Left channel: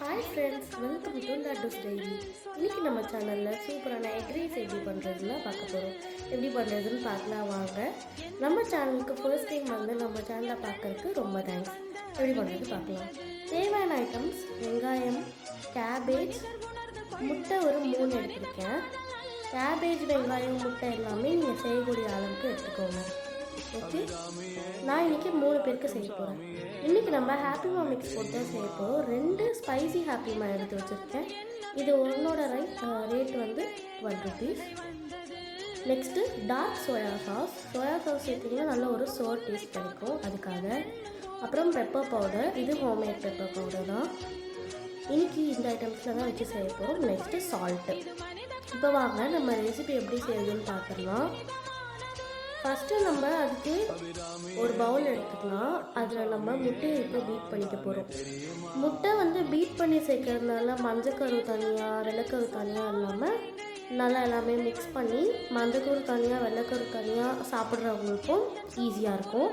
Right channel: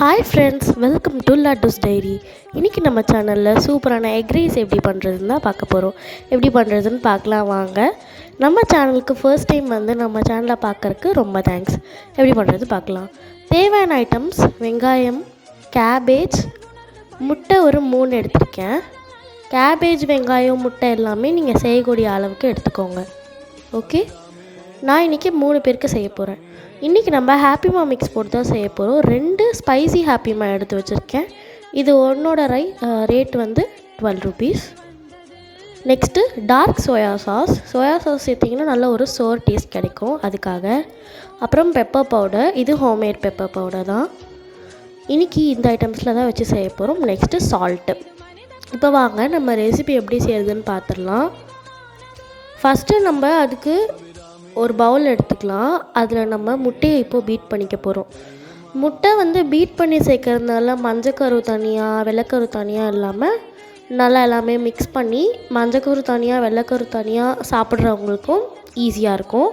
Hi friends, welcome to Laddu's diary. இன்றைக்கி நம்ம சேனலில் சூப்பரான எக் ரைஸ் எப்படி பண்ணுறதுன்னு தான் பார்க்க போகிறோம். எப்படி பண்ணுறதுன்னு பார்க்கலாம் வாங்க. நம்ம சேனலுக்கு ஃபர்ஸ்ட் டைம் வந்து நம்ம சேனலை பார்க்குறக்கு ரொம்ப தேங்க்ஸ். எப்படி பண்ணுறது பார்க்கலாம். தேவையான ஐட்டம்ஸ்: வெங்காயம், கேபேஜ், முட்டை ஒரு 3 எடுத்திருக்கேன். கேபேஜ், வெங்காயம், முட்டை எல்லாமே நீங்கள் செய்யக்கூடிய அளவுக்கு எடுத்துக்கோங்க. ஓகே, நான் இன்றைக்கி 3 பேருக்கு செய்ய போகிறேன். இன்றைக்கி நம்ம ஹாப்பிமா மிக்ஸ் போட்டு தான் செய்ய போகிறோம். 2 ஸ்பைசி ஹாப்பிமா எடுத்து வச்சுருக்கேன். இது ஒன்றோட ரேட் வந்து 12 rupees. Next dark soya sauce சேர்த்திங்கன்னா நல்ல ஒரு சோர் டேஸ்ட் கிடைக்கும், அதுக்காக. அப்புறம் பெப்பர் பவுடர், இது ஹோம்மேட் பெப்பர் பவுடர் தான். இன்றைக்கி இந்த ஐட்டம்ஸில் தான் வச்சு செய்ய போகிறோம். Next salt. இப்போ வாங்க நம்ம ரெசிபி எப்படி செய்கிறதுன்னு பார்த்துடலாம். ஃபஸ்ட்டு நம்ம அதுக்கு ஒரு பவுல் எடுத்துக்கலாம். அதில் நம்ம முட்டையை இப்போது பீட் பண்ணிக்க போகிறோம். முட்டை வந்து பீட் பண்ணி சேர்க்கறதுனால மஞ்சக்கரு தனியாக வெள்ளைக்கரு தனியாக இல்லாமல் நல்லா எல்லாமே மிக்ஸ் பண்ணி மஞ்சக்கரு தனியாக வெள்ளைக்கரு தனியாக சாப்பிட்றவங்களுக்கும் ஈஸியாக இருக்கும்.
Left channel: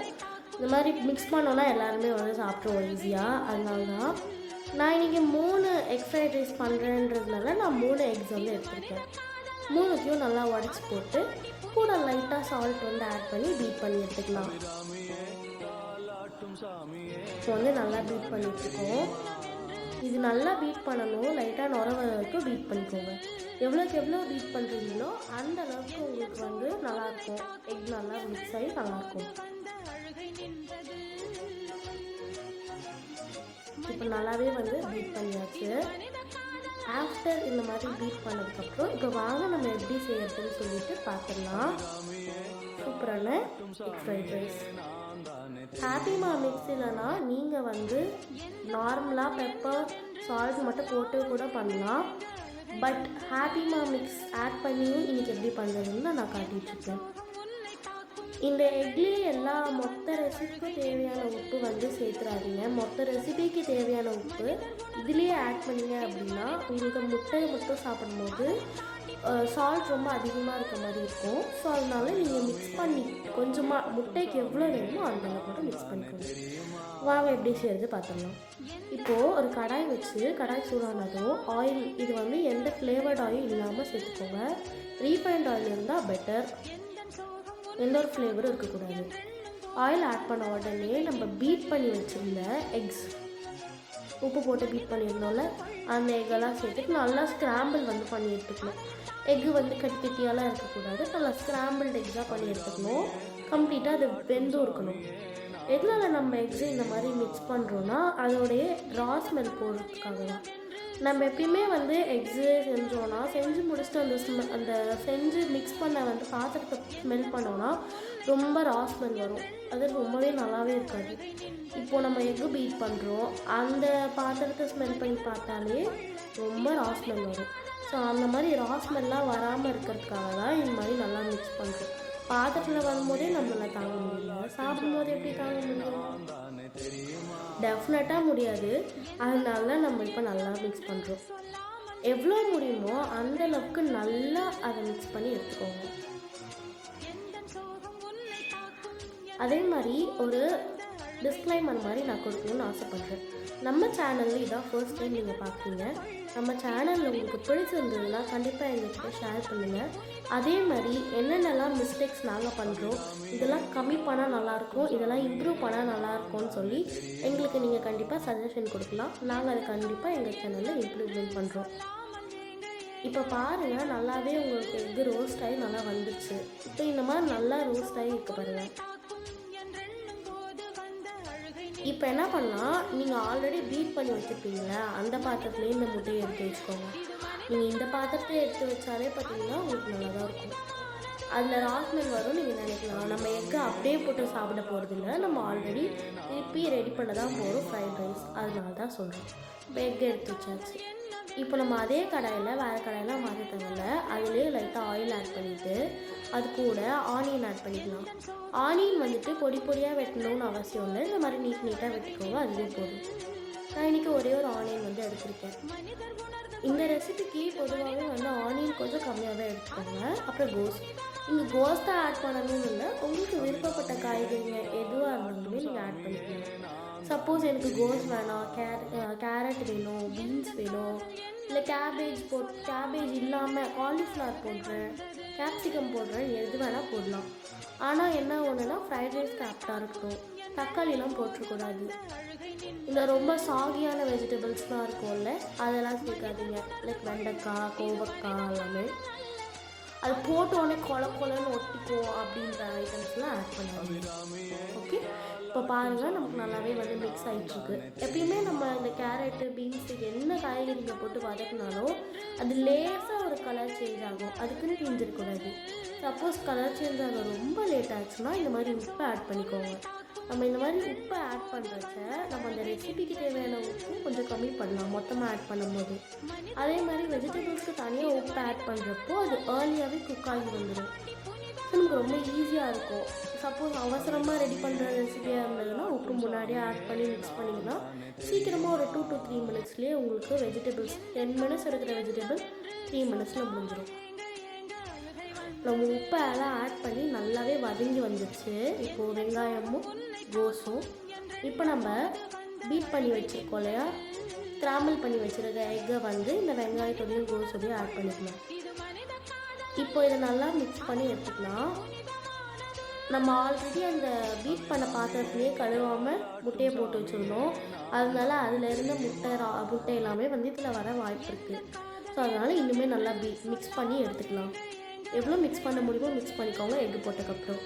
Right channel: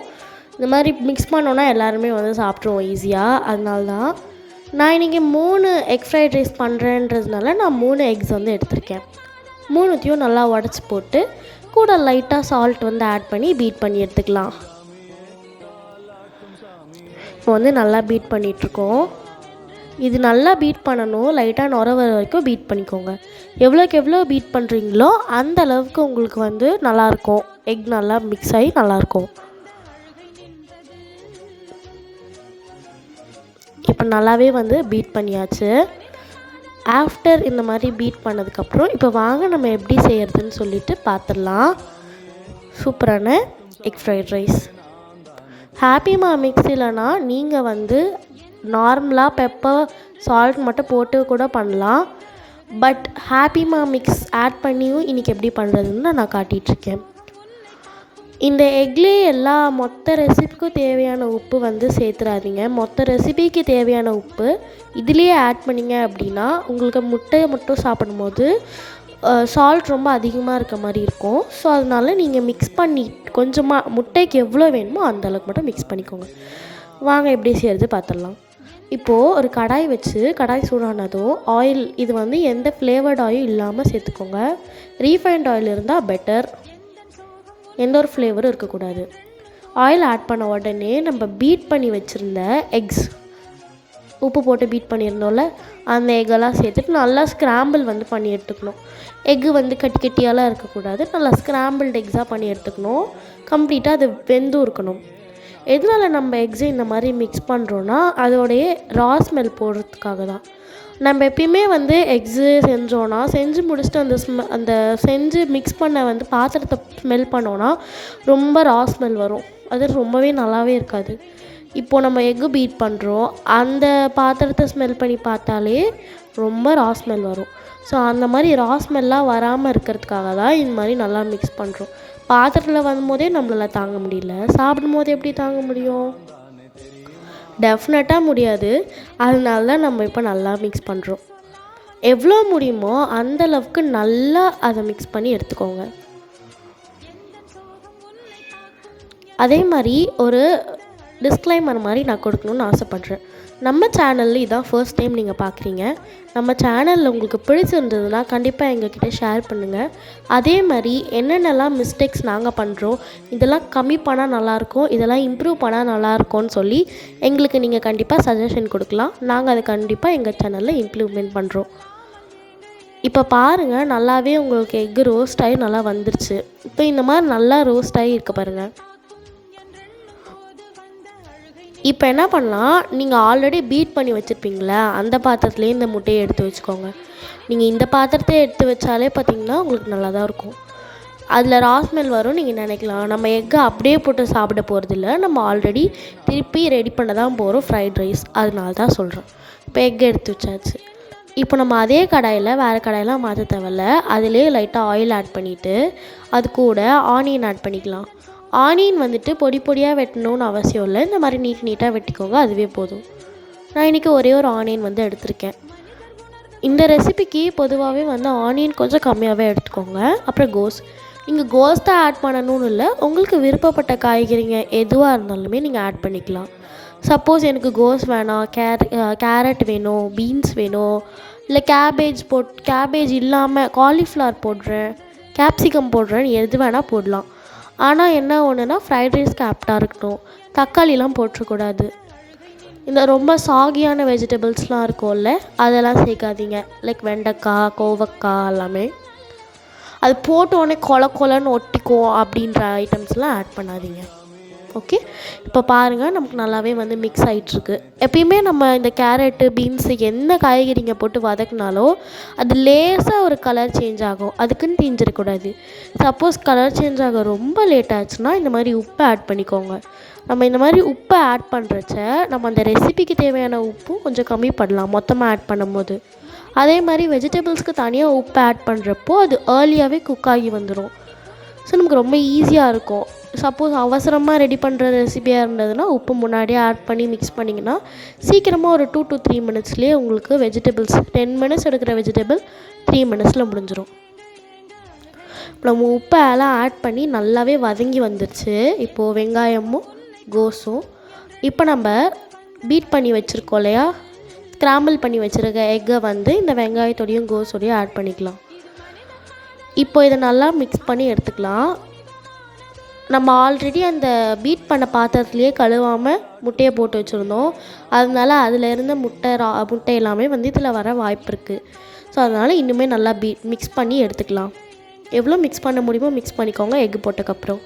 இந்த மாதிரி மிக்ஸ் பண்ணோன்னா எல்லாருமே வந்து சாப்பிட்ருவோம் ஈஸியாக. அதனால தான் நான் இன்றைக்கி 3 எக் ஃப்ரைட் ரைஸ் பண்ணுறேன்றதுனால நான் 3 எக்ஸ் வந்து எடுத்திருக்கேன். 3த்தையும் நல்லா உடச்சி போட்டு கூட லைட்டாக சால்ட் வந்து ஆட் பண்ணி பீட் பண்ணி எடுத்துக்கலாம். இப்போ வந்து நல்லா பீட் பண்ணிகிட்ருக்கோம். இது நல்லா பீட் பண்ணணும். லைட்டாக நுர வர வரைக்கும் பீட் பண்ணிக்கோங்க. எவ்வளோக்கு எவ்வளோ பீட் பண்ணுறீங்களோ அந்த அளவுக்கு உங்களுக்கு வந்து நல்லாயிருக்கும். எக் நல்லா மிக்ஸ் ஆகி நல்லாயிருக்கும். இப்போ நல்லாவே வந்து பீட் பண்ணியாச்சு. ஆஃப்டர் இந்த மாதிரி பீட் பண்ணதுக்கப்புறம் இப்போ வாங்க நம்ம எப்படி செய்கிறதுன்னு சொல்லிட்டு பார்த்துடலாம். சூப்பரான எக் ஃப்ரைட் ரைஸ். ஹாப்பிமா மிக்ஸ் இல்லைனா நீங்கள் வந்து நார்மலாக பெப்பர் சால்ட் மட்டும் போட்டு கூட பண்ணலாம். பட் ஹாப்பிமா மிக்ஸ் ஆட் பண்ணியும் இன்றைக்கி எப்படி பண்ணுறதுன்னு நான் காட்டிகிட்ருக்கேன். இந்த எக்லேயே எல்லா மொத்த ரெசிபிக்கும் தேவையான உப்பு வந்து சேர்த்துறாதீங்க. மொத்த ரெசிபிக்கு தேவையான உப்பு இதுலேயே ஆட் பண்ணிங்க அப்படின்னா உங்களுக்கு முட்டையை மட்டும் சாப்பிடும்போது சால்ட் ரொம்ப அதிகமாக இருக்க மாதிரி இருக்கும். ஸோ அதனால் நீங்கள் மிக்ஸ் பண்ணி கொஞ்சமாக முட்டைக்கு எவ்வளோ வேணுமோ அந்த அளவுக்கு மட்டும் மிக்ஸ் பண்ணிக்கோங்க. வாங்க எப்படி செய்கிறது பார்த்துடலாம். இப்போது ஒரு கடாய் வச்சு கடாய் சூடானதும் ஆயில், இது வந்து எந்த ஃப்ளேவர்ட் ஆயில் இல்லாமல் சேர்த்துக்கோங்க. ரீஃபைண்ட் ஆயில் இருந்தால் பெட்டர். எந்த ஒரு ஃப்ளேவரும் இருக்கக்கூடாது. ஆயில் ஆட் பண்ண உடனே நம்ம பீட் பண்ணி வச்சுருந்த எக்ஸ், உப்பு போட்டு பீட் பண்ணியிருந்தோம்ல, அந்த எக்கெல்லாம் சேர்த்துட்டு நல்லா ஸ்க்ராம்பிள் வந்து பண்ணி எடுத்துக்கணும். எக்கு வந்து கட்டி கட்டியாலாம் இருக்கக்கூடாது. நல்லா ஸ்க்ராம்பிள்டு எக்ஸாக பண்ணி எடுத்துக்கணும். கம்ப்ளீட்டாக அது வெந்தும் இருக்கணும். எதனால் நம்ம எக்ஸை இந்த மாதிரி மிக்ஸ் பண்ணுறோன்னா அதோடைய ரா ஸ்மெல் போடுறதுக்காக தான். நம்ம எப்பயுமே வந்து எக்ஸு செஞ்சோன்னா செஞ்சு முடிச்சுட்டு அந்த செஞ்சு மிக்ஸ் பண்ண வந்து பாத்திரத்தை ஸ்மெல் பண்ணோன்னா ரொம்ப ரா ஸ்மெல் வரும். அது ரொம்பவே நல்லாவே இருக்காது. இப்போது நம்ம எக்கு பீட் பண்ணுறோம், அந்த பாத்திரத்தை ஸ்மெல் பண்ணி பார்த்தாலே ரொம்ப ரா ஸ்மெல் வரும். ஸோ அந்த மாதிரி ரா ஸ்மெல்லாம் வராமல் இருக்கிறதுக்காக தான் இந்த மாதிரி நல்லா மிக்ஸ் பண்ணுறோம். பாத்திரத்தில் வரும்போதே நம்மளால் தாங்க முடியல, சாப்பிடும் போது எப்படி தாங்க முடியும்? டெஃபினட்டாக முடியாது. அதனால தான் நம்ம இப்போ நல்லா மிக்ஸ் பண்ணுறோம். எவ்வளோ முடியுமோ அந்தளவுக்கு நல்லா அதை மிக்ஸ் பண்ணி எடுத்துக்கோங்க. அதே மாதிரி ஒரு டிஸ்க்ளைமர் மாதிரி நான் கொடுக்கணுன்னு ஆசைப்பட்றேன். நம்ம சேனலில் இதான் ஃபர்ஸ்ட் டைம் நீங்கள் பார்க்குறீங்க. நம்ம சேனலில் உங்களுக்கு பிடிச்சிருந்ததுன்னா கண்டிப்பாக எங்ககிட்ட ஷேர் பண்ணுங்கள். அதே மாதிரி என்னென்னலாம் மிஸ்டேக்ஸ் நாங்கள் பண்ணுறோம், இதெல்லாம் கம்மி பண்ணால் நல்லாயிருக்கும், இதெல்லாம் இம்ப்ரூவ் பண்ணால் நல்லாயிருக்கும்னு சொல்லி எங்களுக்கு நீங்கள் கண்டிப்பாக சஜஷன் கொடுக்கலாம். நாங்கள் அதை கண்டிப்பாக எங்கள் சேனலில் இம்ப்ளிமெண்ட் பண்ணுறோம். இப்போ பாருங்கள், நல்லாவே உங்களுக்கு எக்கு ரோஸ்ட் ஆகி நல்லா வந்துருச்சு. இப்போ இந்த மாதிரி நல்லா ரோஸ்ட் ஆகி இருக்க பாருங்கள். இப்போ என்ன பண்ணலாம், நீங்கள் ஆல்ரெடி பீட் பண்ணி வச்சுருப்பீங்களா அந்த பாத்திரத்துலேயே இந்த முட்டையை எடுத்து வச்சுக்கோங்க. நீங்கள் இந்த பாத்திரத்தை எடுத்து வச்சாலே பார்த்திங்கன்னா உங்களுக்கு நல்லா தான் இருக்கும். அதில் ரா ஸ்மெல் வரும். நீங்கள் நினைக்கலாம் நம்ம எக்கை அப்படியே போட்டு சாப்பிட போகிறதில்ல, நம்ம ஆல்ரெடி திருப்பி ரெடி பண்ண தான் போகிறோம் ஃப்ரைட் ரைஸ். அதனால தான் சொல்கிறோம். இப்போ எக்கை எடுத்து வச்சாச்சு. இப்போ நம்ம அதே கடாயில் வேறு கடாயெலாம் மாற்ற தேவையில்ல. அதிலே லைட்டாக ஆயில் ஆட் பண்ணிவிட்டு அது கூட ஆனியன் ஆட் பண்ணிக்கலாம். ஆனியன் வந்துட்டு பொடி பொடியாக வெட்டணும்னு அவசியம் இல்லை. இந்த மாதிரி நீட்டாக வெட்டிக்கோங்க, அதுவே போதும். நான் இன்றைக்கி ஒரே ஒரு ஆனியன் வந்து எடுத்திருக்கேன். இந்த ரெசிபிக்கு பொதுவாகவே வந்து ஆனியன் கொஞ்சம் கம்மியாகவே எடுத்துக்கோங்க. அப்புறம் நீங்கள் கோஸ் தான் ஆட் பண்ணணும்னு இல்லை, உங்களுக்கு விருப்பப்பட்ட காய்கறிங்க எதுவாக இருந்தாலுமே நீங்கள் ஆட் பண்ணிக்கலாம். சப்போஸ் எனக்கு கோஸ் வேணாம், கேரட் வேணும், பீன்ஸ் வேணும், இல்லை கேபேஜ் இல்லாமல் காலிஃப்ளவர் போடுறேன், கேப்சிகம் போடுறேன், எது வேணால் போடலாம். ஆனால் என்ன ஒன்றுனா ஃப்ரைட் ரைஸ்க்கு ஆப்டாக இருக்கணும், தக்காளிலாம் போட்டுறக்கூடாது. இந்த ரொம்ப சாகியான வெஜிடபிள்ஸ்லாம் இருக்கும்ல, அதெல்லாம் சேர்க்காதீங்க. லைக் வெண்டைக்காய், கோவக்காய் எல்லாமே அது போட்டோடனே கொலன்னு ஒட்டிக்கும் அப்படின்ற ஐட்டம்ஸ்லாம் ஆட் பண்ணாதீங்க. ஓகே, இப்போ பாருங்கள் நமக்கு நல்லாவே வந்து மிக்ஸ் ஆகிட்டுருக்கு. எப்பயுமே நம்ம இந்த கேரட்டு, பீன்ஸு என்ன காய்கறிங்க போட்டு வதக்குனாலோ அது லேசாக ஒரு கலர் சேஞ்ச் ஆகும், அதுக்குன்னு தீஞ்சிடக்கூடாது. சப்போஸ் கலர் சேஞ்ச் ஆக ரொம்ப லேட் ஆச்சுன்னா இந்த மாதிரி உப்பை ஆட் பண்ணிக்கோங்க. நம்ம இந்த மாதிரி உப்பை ஆட் பண்ணுறச்ச நம்ம அந்த ரெசிபிக்கு தேவையான உப்பும் கொஞ்சம் கம்மி பண்ணலாம் மொத்தமாக ஆட் பண்ணும்போது. அதே மாதிரி வெஜிடபிள்ஸ்க்கு தனியாக உப்பு ஆட் பண்ணுறப்போ அது ஏர்லியாகவே குக் ஆகி வந்துடும். ஸோ நமக்கு ரொம்ப ஈஸியாக இருக்கும். சப்போஸ் அவசரமாக ரெடி பண்ணுற ரெசிபியாக இருந்ததுன்னா உப்பு முன்னாடியே ஆட் பண்ணி மிக்ஸ் பண்ணிங்கன்னா சீக்கிரமாக ஒரு 2 to 3 மினிட்ஸ்லேயே உங்களுக்கு வெஜிடபிள்ஸ் 10 மினிட்ஸ் எடுக்கிற வெஜிடபிள் 3 மினிட்ஸில் முடிஞ்சிடும். நம்ம உப்பை எல்லாம் ஆட் பண்ணி நல்லாவே வதங்கி வந்துடுச்சு. இப்போது வெங்காயமும் கோஸும் இப்போ நம்ம பீட் பண்ணி வச்சுருக்கோம் இல்லையா, ஸ்க்ராம்பிள் பண்ணி வச்சுருக்க எக்கை வந்து இந்த வெங்காயத்தோடையும் கோஸோடையும் ஆட் பண்ணிக்கலாம். இப்போ இதை நல்லா மிக்ஸ் பண்ணி எடுத்துக்கலாம். நம்ம ஆல்ரெடி அந்த பீட் பண்ண பாத்திரத்துலேயே கழுவாமல் முட்டையை போட்டு வச்சுருந்தோம், அதனால அதில் இருந்த முட்டை எல்லாமே வந்து இதில் வர வாய்ப்பு இருக்குது. ஸோ அதனால் இன்னுமே நல்லா மிக்ஸ் பண்ணி எடுத்துக்கலாம். எவ்வளோ மிக்ஸ் பண்ண முடியுமோ மிக்ஸ் பண்ணிக்கோங்க எக்கு போட்டதுக்கப்புறம்.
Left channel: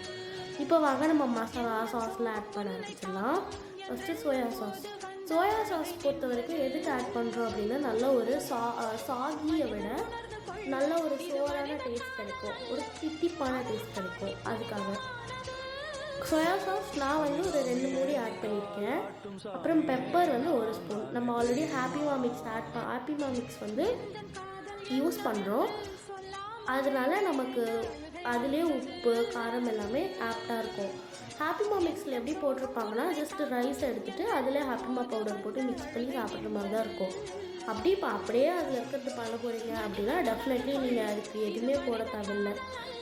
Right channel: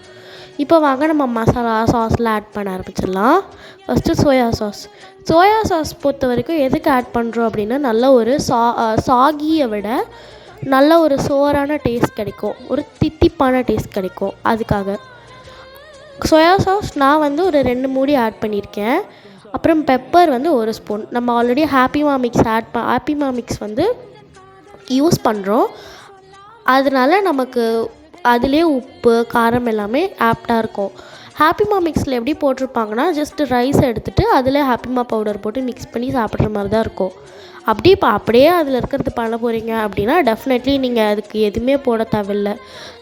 இப்போ வாங்க நம்ம மசாலா சாஸ்லாம் ஆட் பண்ண ஆரம்பிச்சிடலாம். ஃபஸ்ட்டு சோயா சாஸ் பொறுத்த வரைக்கும் எதுக்கு ஆட் பண்ணுறோம் அப்படின்னா நல்ல ஒரு சாகியை விட நல்ல ஒரு சோறான டேஸ்ட் கிடைக்கும், ஒரு தித்திப்பான டேஸ்ட் கிடைக்கும். அதுக்காக சோயா சாஸ் நான் வந்து ஒரு 2 மூடி ஆட் பண்ணியிருக்கேன். அப்புறம் பெப்பர் வந்து 1 ஸ்பூன். நம்ம ஆல்ரெடி ஹாப்பி மிக்ஸ் வந்து யூஸ் பண்ணுறோம், அதனால நமக்கு அதிலே உப்பு காரம் எல்லாமே ஆப்டாக இருக்கும். ஹாப்பிமா மிக்ஸில் எப்படி போட்டிருப்பாங்கன்னா ஜஸ்ட் ரைஸ் எடுத்துகிட்டு அதில் ஹாப்பிமா பவுடர் போட்டு மிக்ஸ் பண்ணி சாப்பிட்ற மாதிரி தான் இருக்கும். அப்படியே அதில் இருக்கிறது பண்ண போகிறீங்க அப்படின்னா டெஃபினெட்லி நீங்கள் அதுக்கு எதுவுமே போட தேவையில்லை.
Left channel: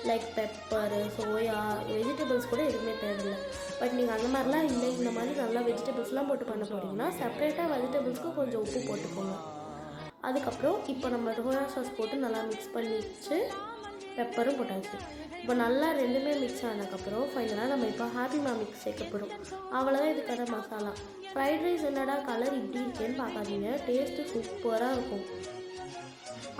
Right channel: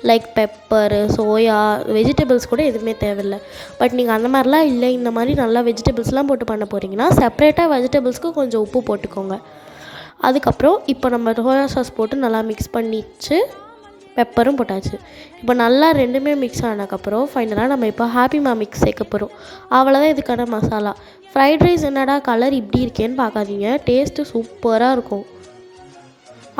லைக் பெப்பரு, சோயா, வெஜிடபிள்ஸ் கூட எதுவுமே தேவையில்லை. பட் நீங்கள் அந்த மாதிரிலாம் இல்லை, இந்த மாதிரி நல்லா வெஜிடபிள்ஸ்லாம் போட்டு பண்ண போகிறீங்கன்னா செப்பரேட்டாக வெஜிடபிள்ஸ்க்கு கொஞ்சம் உப்பு போட்டுக்கோங்க. அதுக்கப்புறம் இப்போ நம்ம சோயா சாஸ் போட்டு நல்லா மிக்ஸ் பண்ணிச்சு, பெப்பரும் போட்டாச்சு. இப்போ நல்லா ரெண்டுமே மிக்ஸ் ஆனதுக்கப்புறம் ஃபைனலாக நம்ம இப்போ ஹாப்பிமா மிக்ஸ் சேர்க்க போகிறோம். அவ்வளோதான் இதுக்கான மசாலா. ஃப்ரைட் ரைஸ் என்னடா கலர் இப்படி இருக்கேன்னு பார்க்காதீங்க, டேஸ்ட்டு சூப்பராக இருக்கும்.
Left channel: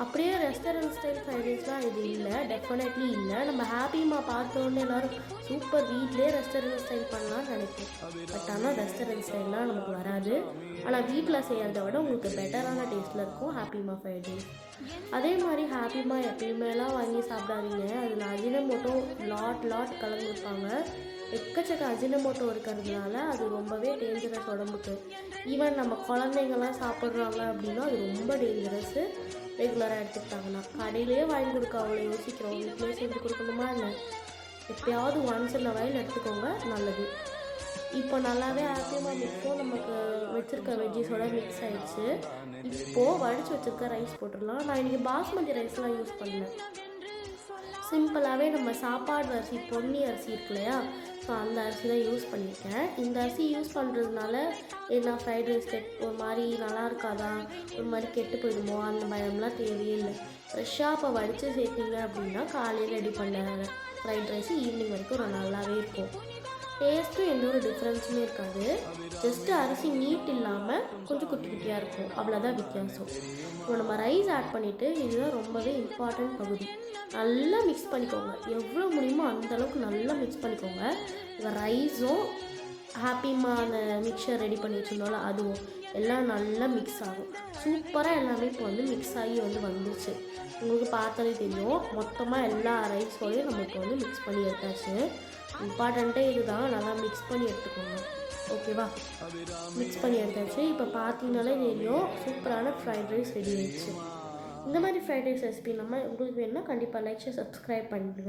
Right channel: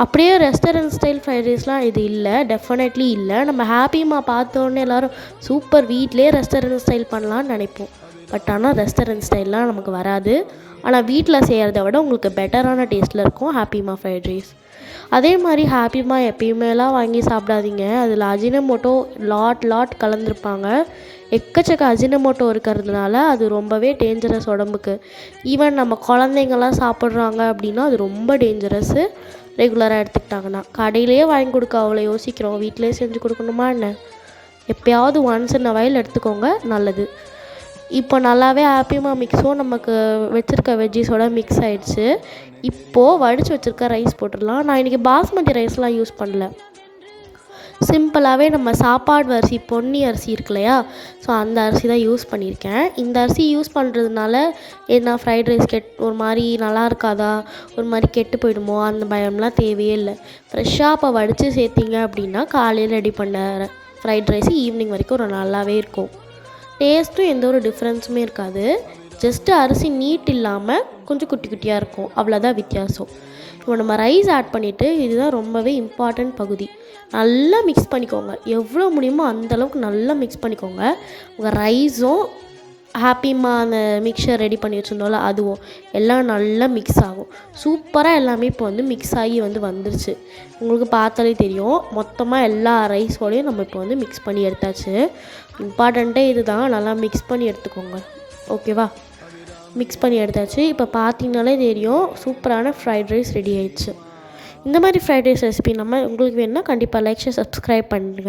அப்படியே ரெஸ்டாரண்ட் ஸ்டைல் ஃப்ரைட் ரைஸ்லாம் இது இல்லை, டெஃபினெட்லி இல்லை. நம்ம ஹாப்பிமா பார்த்தோன்னே எல்லோரும் சூப்பர் வீட்டிலே ரெஸ்டாரண்ட் ஸ்டைல் பண்ணலான்னு நினைப்போம். பட் ஆனால் ரெஸ்டாரண்ட் ஸ்டைல்லாம் நமக்கு வராது. ஆனால் வீட்டில் செய்கிறத விட உங்களுக்கு பெட்டரான டேஸ்ட்டில் இருக்கும் ஹாப்பிமா ஃப்ரைட் ரைஸ். அதே மாதிரி ஹாப்பிமா எப்பயுமேலாம் வாங்கி சாப்பிடாதீங்க, அதில் அஜினமோட்டோ லாட் கலந்துருப்பாங்க. எக்கச்சக்க அஜினமோட்டோ இருக்கிறதுனால அது ரொம்பவே டேஞ்சரஸ் உடம்புக்கு. ஈவன் நம்ம குழந்தைங்கள்லாம் சாப்பிட்றாங்க அப்படின்னா அது ரொம்ப டேஞ்சரஸ்ஸு. ரெகுலராக எடுத்துக்கிட்டாங்கன்னா கடையிலேயே வாங்கி கொடுக்க அவ்வளோ யோசிக்கிறோம், வீட்டிலே செஞ்சு கொடுக்கணுமா என்ன? எப்போயாவது ஒன்ஸ் இன் அ வைல் எடுத்துக்கோங்க, நல்லது. இப்போ நல்லாவே ஹாப்பிமா மிக்ஸும் நமக்கு வச்சுருக்க வெஜ்ஜீஸோட மிக்ஸ் ஆகிடுச்சு. இப்போது வடித்து வச்சுருக்க ரைஸ் போட்டுடலாம். நான் இன்றைக்கி பாஸ்மதி ரைஸ்லாம் யூஸ் பண்ணல, சிம்பிளாகவே நம்ம சாப்பாடு அரிசி, பொன்னி அரிசி இருக்கு இல்லையா, ஸோ அந்த அரிசி தான் யூஸ் பண்ணியிருக்கேன். இந்த அரிசி யூஸ் பண்ணுறதுனால என்ன ஃப்ரைட் ரைஸ் ஒரு மாதிரி நல்லா இருக்காதா, ஒரு மாதிரி கெட்டு போயிடுமோ அந்த பயம்லாம் தேவையே இல்லை. ஃப்ரெஷ்ஷாக இப்போ வடித்து சேர்த்திங்க அப்படின்னா காலையில் ரெடி பண்ண ஃப்ரைட் ரைஸ் ஈவினிங் வரைக்கும் ஒரு நல்லாவே இருக்கும். டேஸ்ட்டும் எந்த ஒரு டிஃப்ரென்ஸுமே இருக்காது. ஜஸ்ட்டு அரிசி நீட் இல்லாமல் கொஞ்சம் குட்டி குட்டியாக இருக்கும், அவ்வளோதான் வித்தியாசம். இப்போ நம்ம ரைஸ் ஆட் பண்ணிவிட்டு, இதுதான் ரொம்பவே இம்பார்ட்டண்ட் பகுதி, நல்லா மிக்ஸ் பண்ணிக்கோங்க. எவ்வளோ முடியுமோ அந்தளவுக்கு நல்லா மிக்ஸ் பண்ணிக்கோங்க. உங்கள் ரைஸும் ஹாப்பிமா அந்த மிக்சர் ரெடி பண்ணி வச்சுருந்தோம்ல அதுவும் எல்லாம் நல்லா மிக்ஸ் ஆகும். சூப்பராக எல்லாமே இப்போ வந்து மிக்ஸ் ஆகி வந்துருச்சு. உங்களுக்கு பார்த்தாலே தெரியும், மொத்தமாக எல்லா ரைஸோடையும் நம்ம இப்போ வந்து மிக்ஸ் பண்ணி எடுத்தாச்சு. இம்பார்ட்டண்ட்டே இது தான், நல்லா மிக்ஸ் பண்ணி எடுத்துக்கோங்க. ஓகேவா? மிக்ஸ் பண்ணி எடுத்தாச்சு. இப்போ பார்த்தீங்கனாலே தெரியும் சூப்பரான ஃப்ரைட் ரைஸ் ரெடி ஆயிடுச்சு. இந்த மாதிரி ஃப்ரைட் ரைஸ் ரெசிபி உங்களுக்கு வேணும்னா கண்டிப்பாக லைக், ஷேர், சப்ஸ்கிரைப் பண்ணுங்கள்.